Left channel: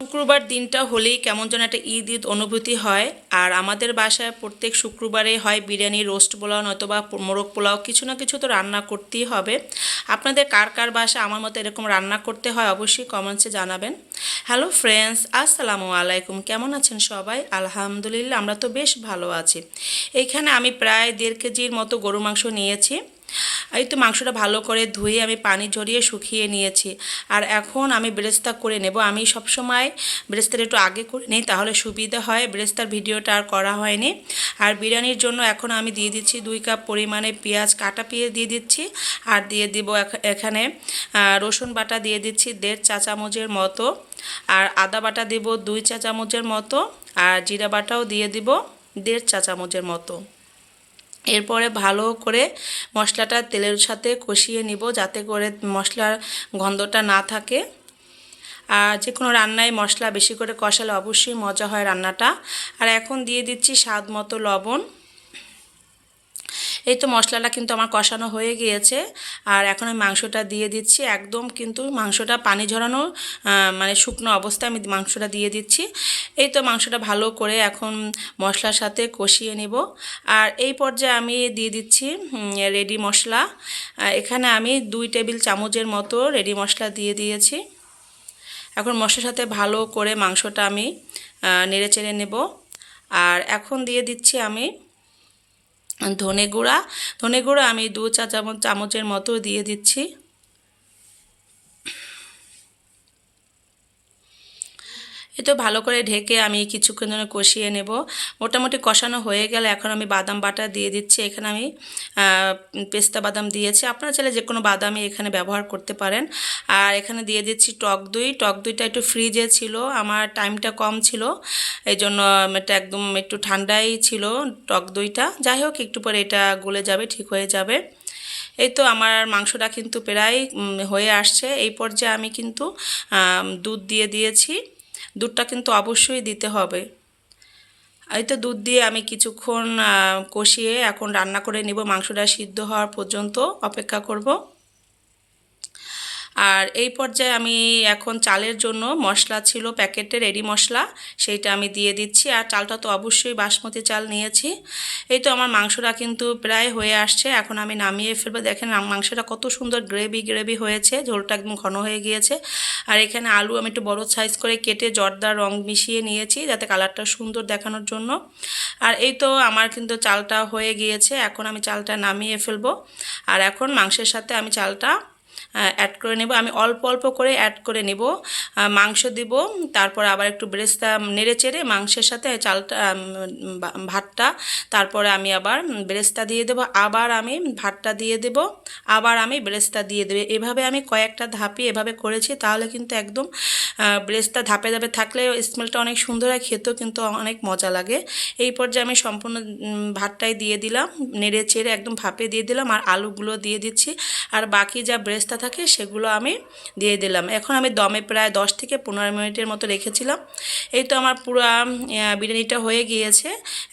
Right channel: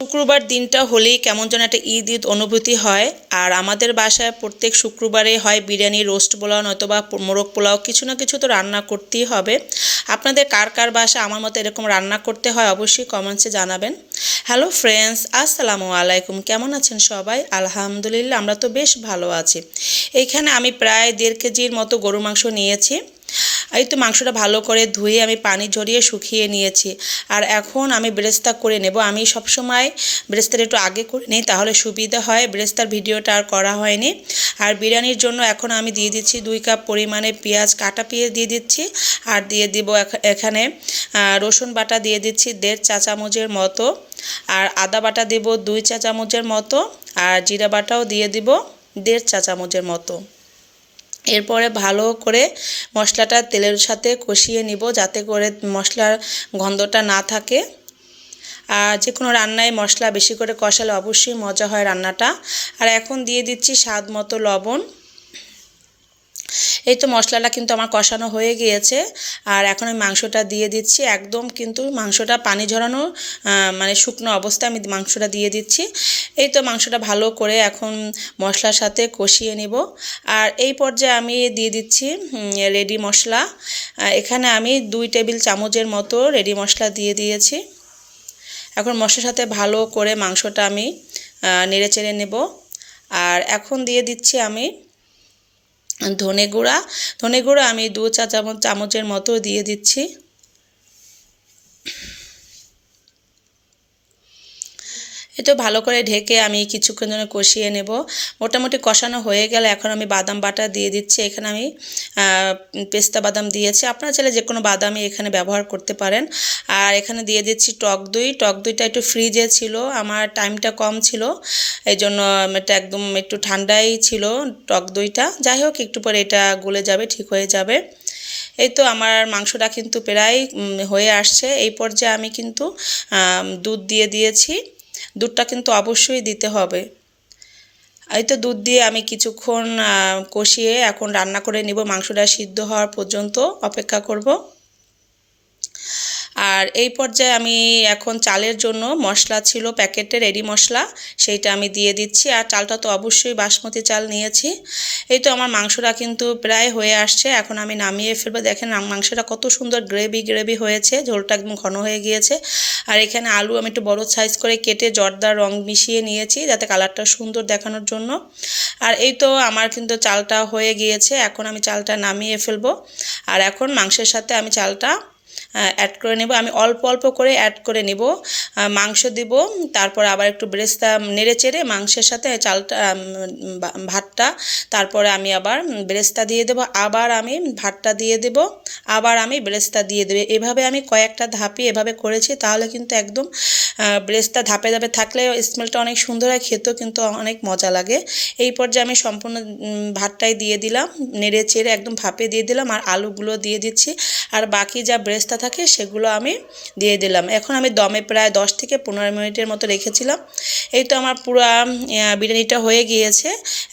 শুক্রবার দিনটা হলেই কেমন যেন একটা ঈদ ঈদ অনুভূতি হয়। আর আমাদের বাসায় প্রত্যেক শুক্রবারে হয় বিরিয়ানি, রোস্ট পোলাও, নয়তোবা মোরগ পোলাও। কিছু না কিছু তো রান্না করতেই হবে। আপনাদের কার কার বাসা আমার মতো এরকম রান্না করতে হয় অবশ্যই কমেন্টসে জানাবেন। হ্যালো ফ্রেন্ডস আসসালামু আলাইকুম। কেমন আছেন সবাই? আলহামদুলিল্লাহ, আমরা তো বেশ ভালো আছি। এইখানে আমি প্রায় দেড় কেজির মতো গরু মাংস নিয়েছি। এই তো মাংসটা ভালো করে ধুয়ে আমি পানি ঝরিয়ে শুকিয়ে নিয়েছি। আর এখন আমি ব্রেস্তা করে নেব। আমি সবসময় ব্রেস্তার একটু আগে করে নিই, তাহলে সুবিধা হয়। ব্রেস্তার ভিডিওটা আর করা হয়নি। আর বিরিয়ানির জন্য এখন আমি দিয়ে দিচ্ছি দুই কাপ পরিমাণে পেঁয়াজ কাটা পেঁয়াজ দিয়ে দিচ্ছি। আর দিয়ে দিব এখানে রসুন বাটা দিয়ে দিচ্ছি দেড় চা চামচের মতো। আর আদা বাটা দেব দুই চা চামচের মতো। আর জিরা বাটাও দিয়ে দিব দেড় চা চামচের মতো। এরপরে ভালো করে মশলাটা তেলের সাথে কষিয়ে নিব যাতে করে মশলার গন্ধটা না থাকে। আর যে কোনো রান্নায় মশলা বেশি করে কষালে অবশ্যই মজা হয় রান্নাটা। আর এখন দিয়ে দিচ্ছি স্বাদ মতো লবণ। এই তো মশলাটা কিন্তু আমার কষানো হয়ে গিয়েছে। আর এখন আমি মাংসটা দিয়ে দিচ্ছি। একদম কিন্তু মাংসটা পানি ঝরানো মানে শুকনো অবস্থায় আমি মাংসটা দিয়ে দিচ্ছি। এই তো মাংসটা ভালো করে এখন মশলার সাথে কষিয়ে নিব। আর এই পর্যায়ে আমি দিয়ে দিচ্ছি রেডি মশলা। এখানে আমি দুই টেবিল চামচের মতো রেডি মশলা দিয়ে দিয়েছি। এখন মশলার সাথে ভালো করে মাংসটা আমি নেড়ে চেড়ে নেব। আর এখন দিয়ে দিচ্ছি আমি ধনে গুঁড়া ধনে গুঁড়া আমি দু চা চামচ চামচের মতো দিয়ে দিচ্ছি। এ তো ভালো করে ঢেকে আমি কিছুক্ষণ জন্য কষিয়ে নেব। মোটামুটি কষানো হয়ে গেলে এখন আমি বাদাম বাটা দিয়ে দিচ্ছি। এখানে আমি পেস্তা বাদাম দিয়েছি। আপনারা চাইলে যে কোনো বাদামই এখানে ব্যবহার করতে পারেন। আর এখানে দিয়ে দিচ্ছি টক দই। টক দইটা একটু ফ্রিজে ছিল, আমার টাইমটা কম ছিল এই জন্য এটা একদম একটু ঠান্ডাই ছিল টক দইটা। যাই হোক, একটু পরে এটা গলে যাবে, ঠিক হয়ে যাবে। এই তো আমার মাংসটা কিন্তু প্রায় হয়ে আসছে। এই পর্যায়ে আমি কিন্তু দুধ দিয়ে দিয়েছি। দুধটা কিন্তু অবশ্যই দিতে হবে। এই তো দুধ দিয়ে আমি কিছুক্ষণ কষিয়ে এখন রান্না করে নিব। মাংসটা সিদ্ধ হওয়ার পর্যন্ত অপেক্ষা করব। আর এই পর্যায়ে আমি এখন চালের জন্য মশলা ছিল প্যাকেটে রেডি মশলা, সেইটা আমি দিয়ে দিচ্ছি। আর চালটা তো অবশ্যই বাসমতি চাল নিয়েছি। এই তো আমার মাংসটা কিন্তু প্রায় হয়ে আসছে। এখন আমি নামিয়ে ফেলব। দেখেন মাংসটা কত সুন্দর গ্রেভি গ্রেভি হয়েছে। ঝোলটা একদম ঘন হয়ে গিয়েছে। আর এখানে আলু আমি একটু বড় সাইজ করে কেটে জর্দার রং মিশিয়ে নিয়েছি, যাতে কালারটা সুন্দর দেখানোর জন্য। আর এই তো আমার কিন্তু চালটা হয়ে গিয়েছে। এখন আমি চালটা নামিয়ে ফেলব। আর এখন মাংসের সাথে আমি চালটা অ্যাড করে নেব। আমি অল্প অল্প করে অ্যাড করে নেব। মাংস দিব। তারপর আবার একটু ব্রেস্তা নেড়ে চেড়ে মাংসের সাথে চালটা ভাতটা, তারপরে আমি আবার ব্রেস্তা দিয়ে দেব, আবার আমি ভাতটা দিয়ে দেব, আবার আমি ব্রেস্তা দিয়ে দেবো। এভাবে আমি কয়েকটা ধাপি এভাবে করেছি, তাহলে কিন্তু একদম ব্রেস্তা ধাপে ধাপে থাকলে স্মেলটা অনেক সুন্দর হয়, খেতেও কিন্তু অনেক মজা লাগে। এই পর্যায়ে আমি সম্পূর্ণ ভাতটাই দিয়ে দিলাম, নেড়ে চেড়ে একদম ভাপে দিয়ে দিলাম, আর আলুগুলো দিয়ে দিচ্ছি, আর বাকি যা ব্রেস্তা থাকে সেগুলো আমি দিয়ে দিলাম। এখন আমি দমে প্রায় দশ থেকে পনেরো মিনিটের মতো রেখেছিলাম, এই তো আমার পুরো বিরিয়ানিটা হয়ে গিয়েছে।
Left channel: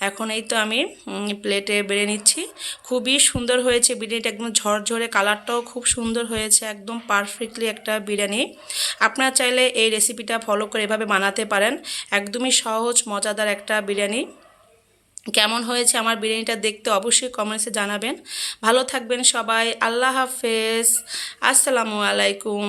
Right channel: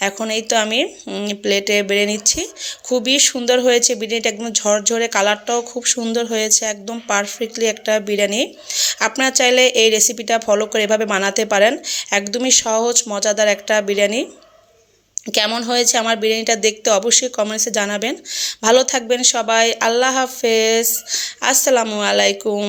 এখন এই তো আমি প্লেটে বেড়ে নিচ্ছি। খুবই সুন্দর হয়েছে বিরিয়ানিটা, একদম ঝরঝরে কালারটাও খুব সুন্দর হয়েছে, একদম পারফেক্টলি একটা বিরিয়ানি। আপনারা চাইলে এই রেসিপিটা ফলো করে এভাবে বানাতে পারেন, একদমই সহজ, মজাদার একটা বিরিয়ানি। কেমন হয়েছে আমার বিরিয়ানিটা দেখতে অবশ্যই কমেন্টসে জানাবেন। ভালো থাকবেন সবাই, আল্লাহ হাফেজ, আসসালামু আলাইকুম।